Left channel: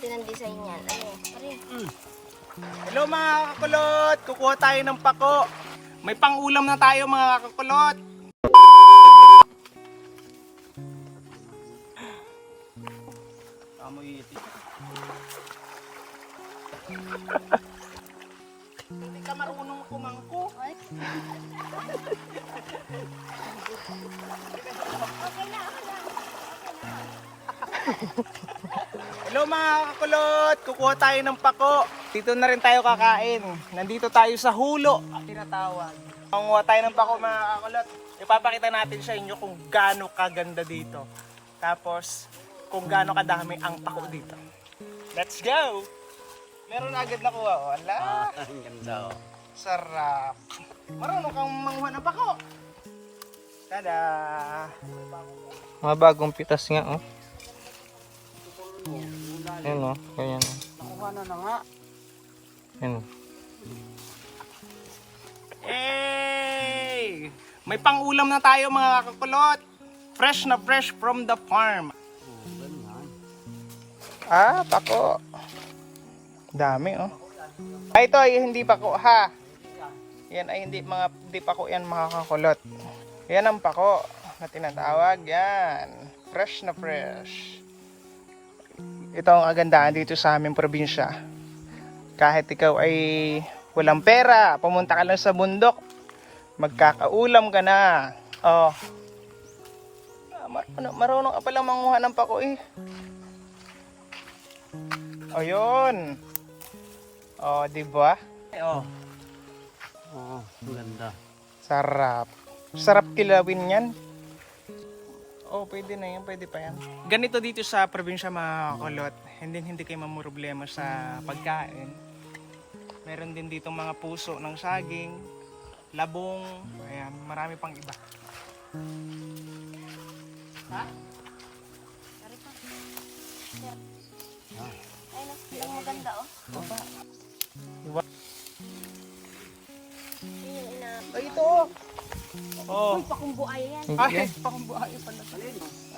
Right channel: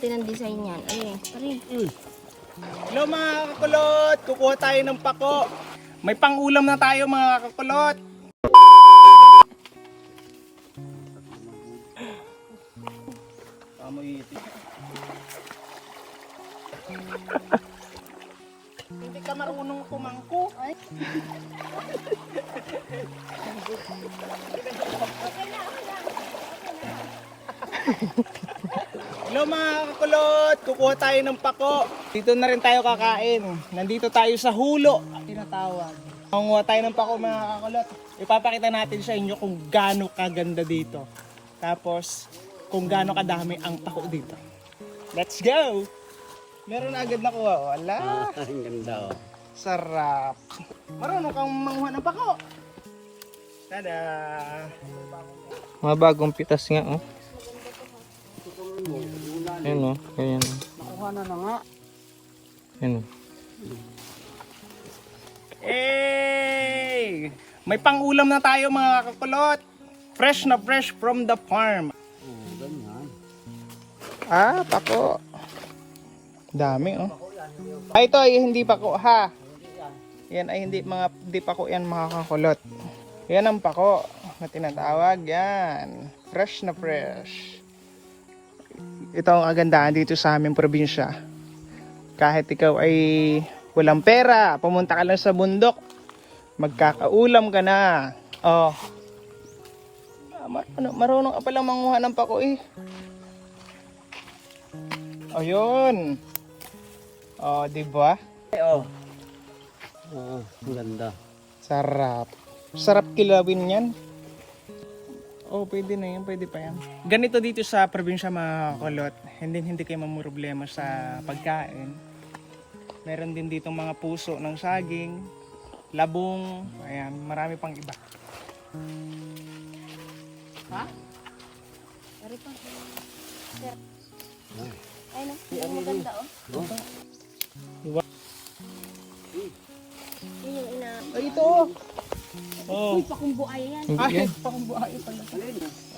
natin ang design yan. Ano eh? Ari. Hello mga kakulot! Kukuha tayo ng pako. May pangulam na tayo mga kakulot. Amoy iti. Hindi ka marunong kumangko. Ay. okay na, okay na. Hello mga kakulot! Kukuha tayo ng pako. Dito na rin tayo kakain. Nandito tayo sa hulo. Tinatawag. Manguha tayo ng pako mga kakulot. Ipapakita natin sa inyo kung gaano kaganda dito. Tapos kung gaano kadami ang pako dito. Let's go! Meron na agad nakuha. oh. Wala. Ah, ang ganda oh. Sarap. Marunong kang manguha ng pako. Tada! Mga bagong pitas nga, oh. Ayun, oh. Ganyan. Ano na nga? Ayun. Hey! May pangulam na tayo mga kakulot. Fresh na fresh from the farm. Oh. Ah, pako. Dami oh. Ay, ito ay hindi pako ha. Yan ay hindi mga hindi pako yan mga kakulot. Yan ang pako na tinatawag yan. Fresh na fresh. Ito ang agandaan dito sa aming probinsya. Kahit ikaw ay walang pera, pumunta ka lang sa bundok, magkakaulam ka na. Oh. Ah, mar- ano, marunong ka palang manguha ng pako eh. O yun. O, di ba? Oh. Ang ganda. Sarap. Sarap kilawin yan. Oh, pwede na yan, pwede pa yan. Ganito dito sa probinsya mga kulot, hindi hindi kayo mamroblema sa pagkain. Meron din dito mga puso ng saging, labong, ayan, marami pang iba. Ha? Ari pa. Ay, maganda, oh. Ay, ito. Oh. Uy, pakumbuaya yan. Ay, pakumbuaya pala.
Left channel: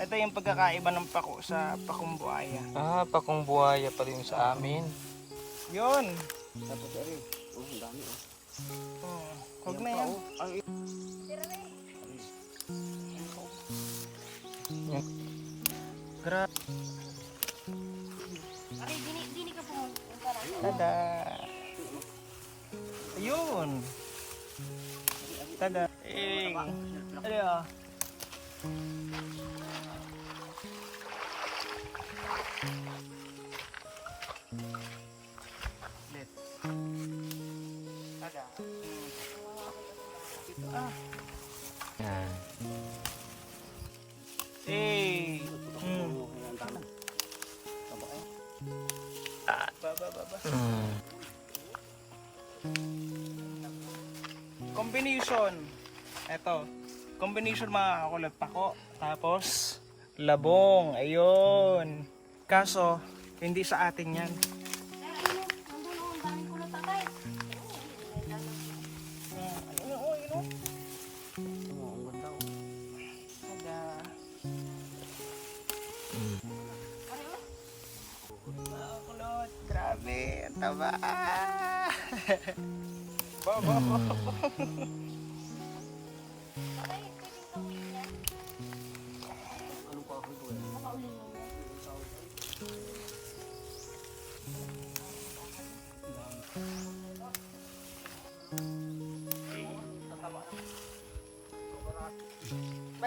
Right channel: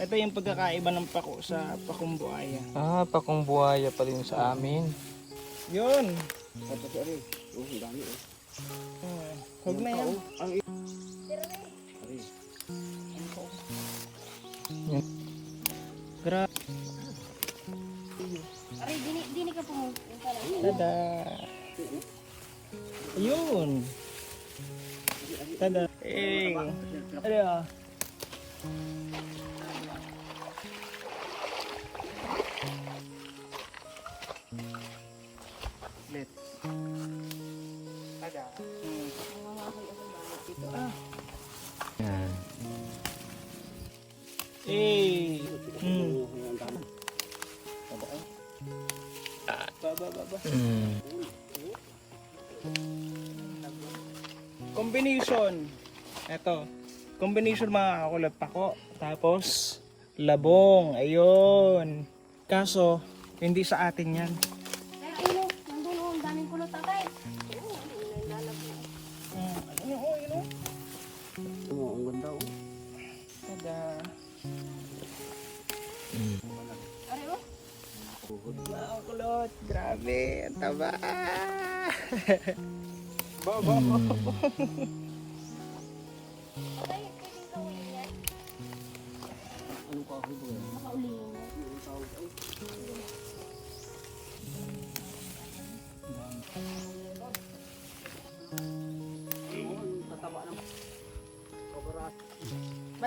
Ito yung pagkakaiba ng pako sa pakumbuaya. Ah, pakong buhaya pa rin sa amin. Yun. Sa pagkari. Oh, ang dami oh. Oh, huwag na yan. Ang Gra- Ari, dini, dini ka pumunta na. Tada. Ayun. Tada. Eh. Ano ah? Let. Tada. Ito ah. Eh. Hmm. Tama kayo? Baba, baba. Mm. Combination. Ito. Combination mga kakulot pako. Tapos, labong. Ayun. Kaso, hindi sa atin yan. Pero ayun, oh. Nandun,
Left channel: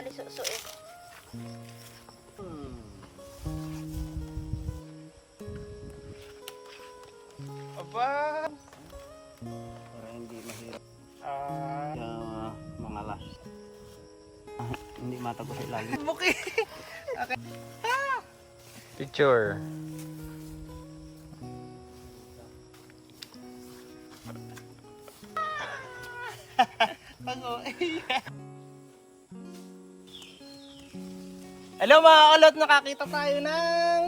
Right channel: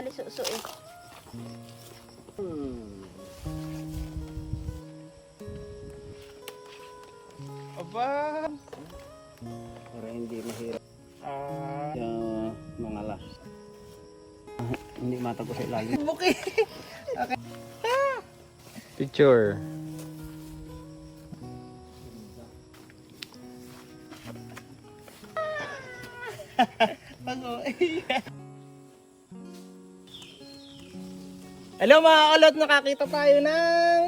Malisuso eh. Hmm. Aba. Para hindi mahirap. Ah. Kaya mga las. Ah, hindi matago sa ilalim. Buki. Picture. Bago. Hello mga kalot, nakakita tayo ng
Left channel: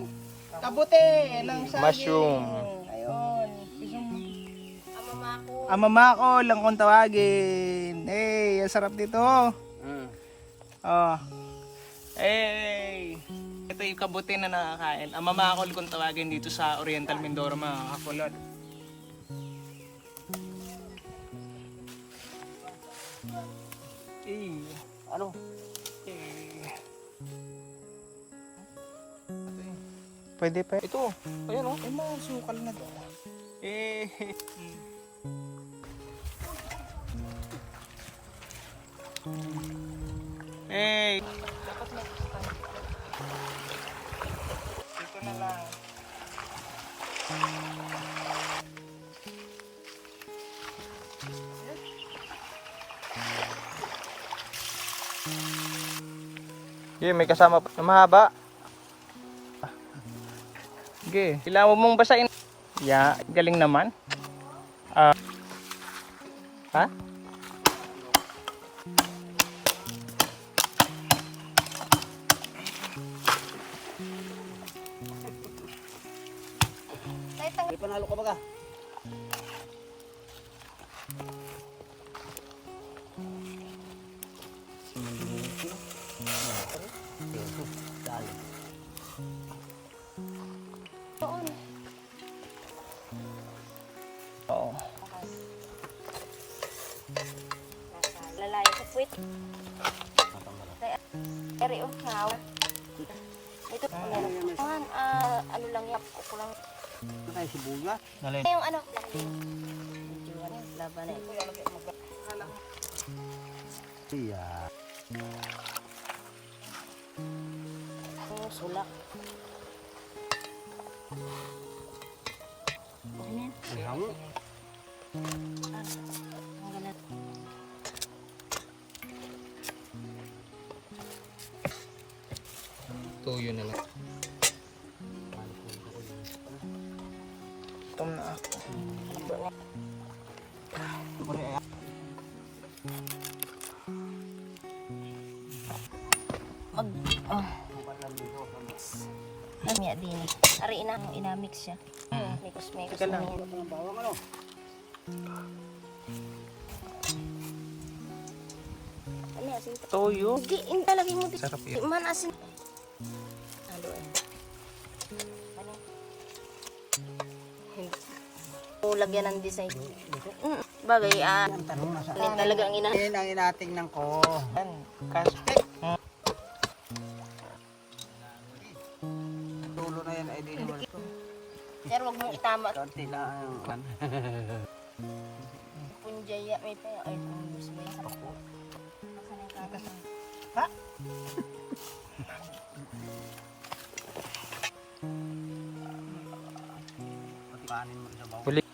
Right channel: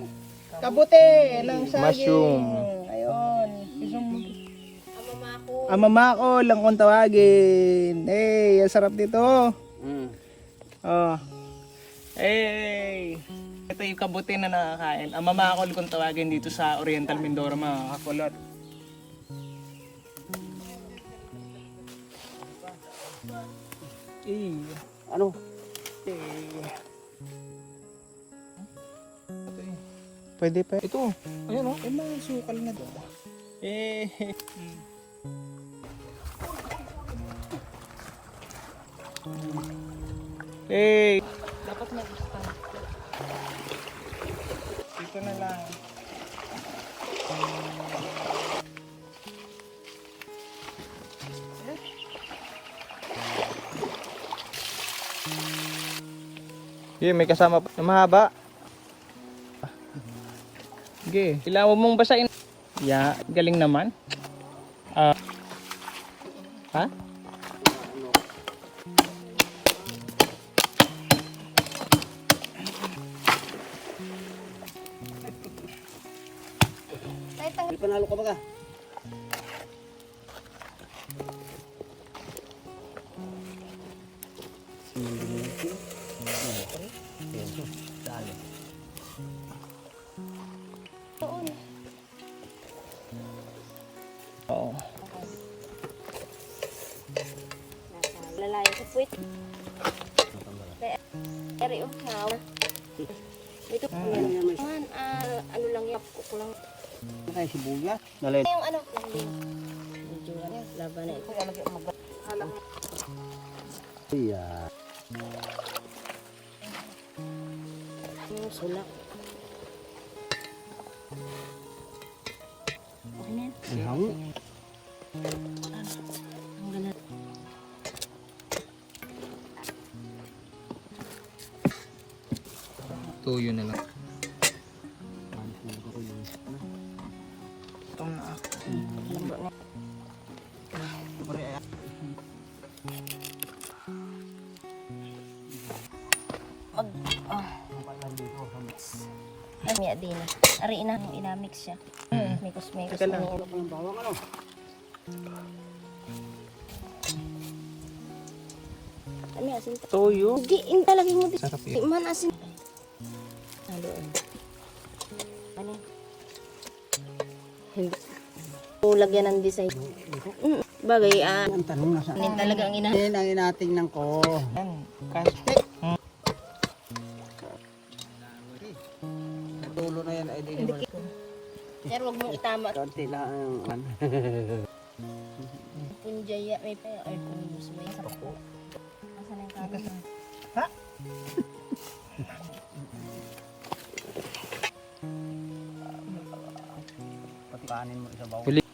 kabute, ng saging. Mushroom. Ayun. Isang Amamako. amamako lang kung tawagin. Hey, ang sarap dito. Hmm. Oh. Hey. ito yung kabuti na nakakain. Ang mamakol kung tawagin dito sa Oriental Mindoro mga kakulot. Eh, Ano? eh. Pwede pa. Ito. Ayan o. Oh, may sukal na doon. Eh. Hmm. Eh. Dapat na Dito na lang. Yeah, may kasama pa. Mahaba. Sige, kailangan mong basahin. Yeah, galing naman. Ah. ha? Lang yan, kuko lang. Ano kaya sibuyas? Dali. Yung ano, medyo ano, laban na ito. Iya. Yung sula. Ang hangi. Ang ganda. Tuyo na siya. May kusmekos Teka lang. na. Ano ano? Ano asin? Tuyo. Hindi, yung talagay mo dito. Sarap yun. Man asin. Haluan. Ano? Hindi. O, lagyan ng design. Mm, bagay, ah, Ang tanong na sa talagang ina. Yan ang inatingnan ko. Yan. Kaste. Ang tulo na yan ay Pero wag mong itama. Konti lang. ang- Punjaya, may pa ay punjus may sapo. Asan ang kanan? Ha? Pati kanin mo isabaw. Huli.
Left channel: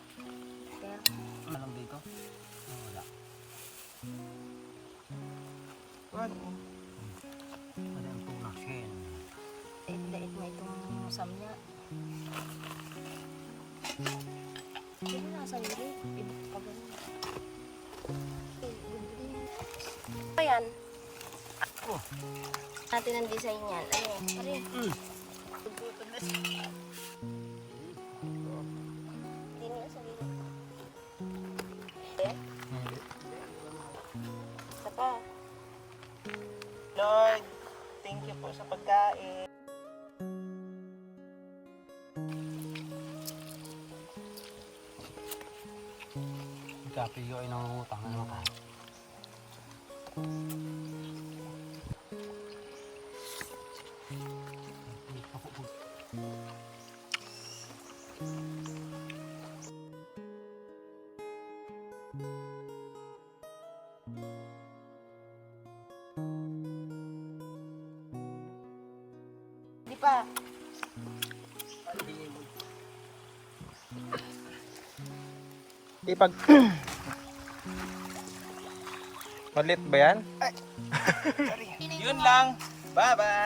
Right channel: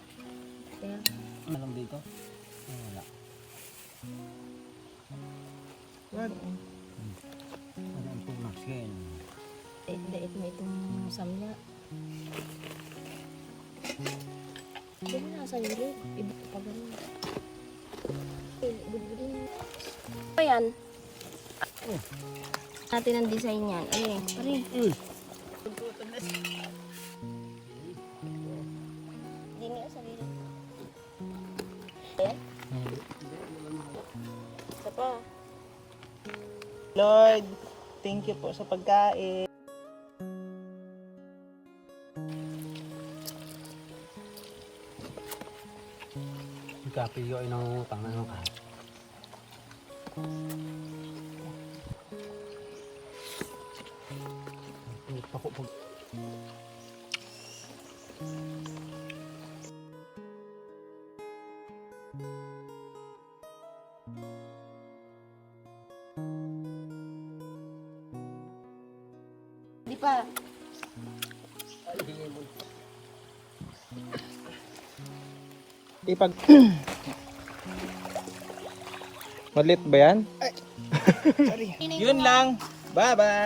Pero nasa yun, iba pa ganun. Eh, budbudin. Ayan. Oh. Natin ang design yan. Ayun, ayun. Mm. Sa. Eh? Lord, thank you po sa pagkain. Di pa. Ipag... Malit ba yan? Yun lang. Bye-bye.